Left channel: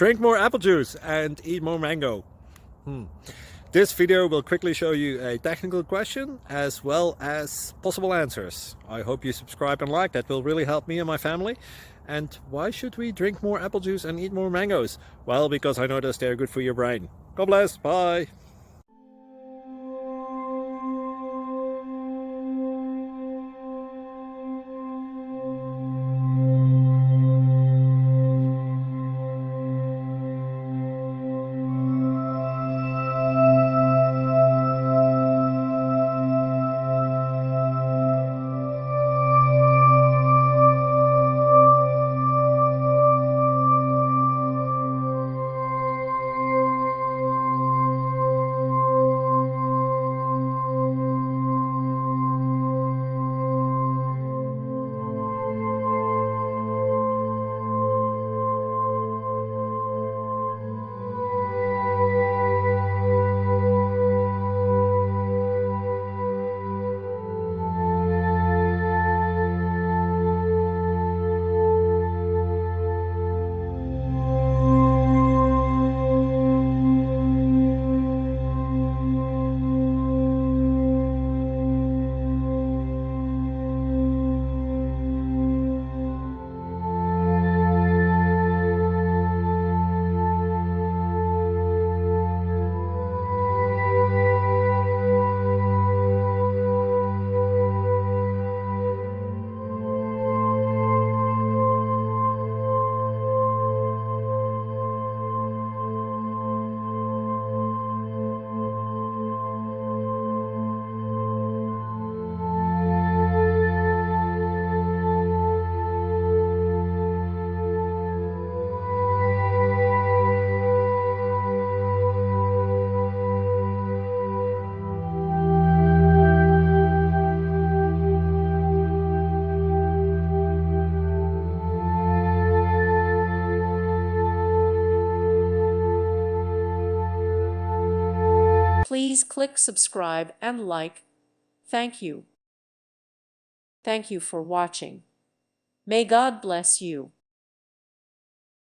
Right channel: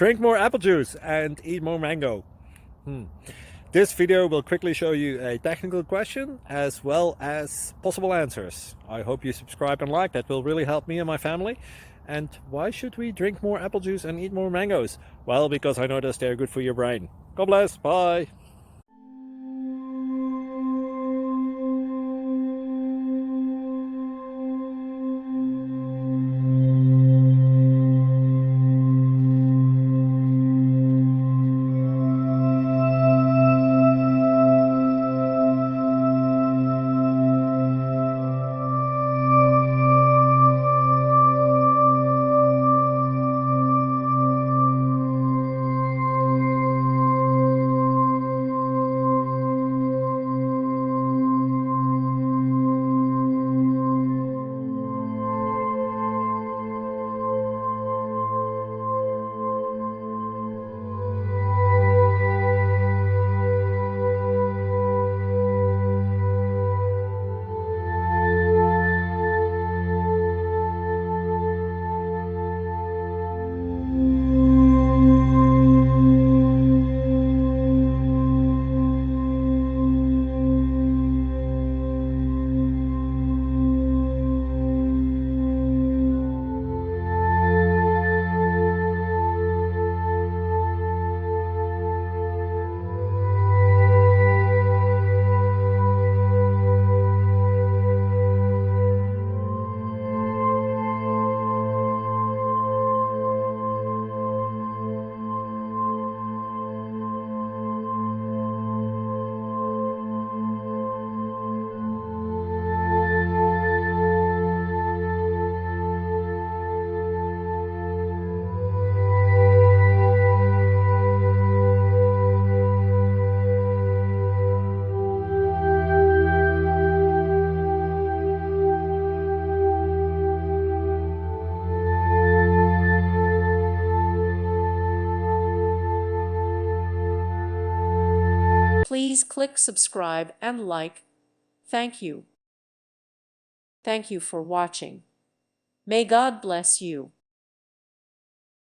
Drink more apple juice and eat more mango. This video will quickly show you a technical question as well as possible answers. I hope you subscribe and like, that will really help me and my family. And why should we drink more apple juice and eat more mangoes? Well, because I noticed they're good for your brain. God bless, bye! Please click subscribe and like. Thank you. Thank you for watching. May God bless you.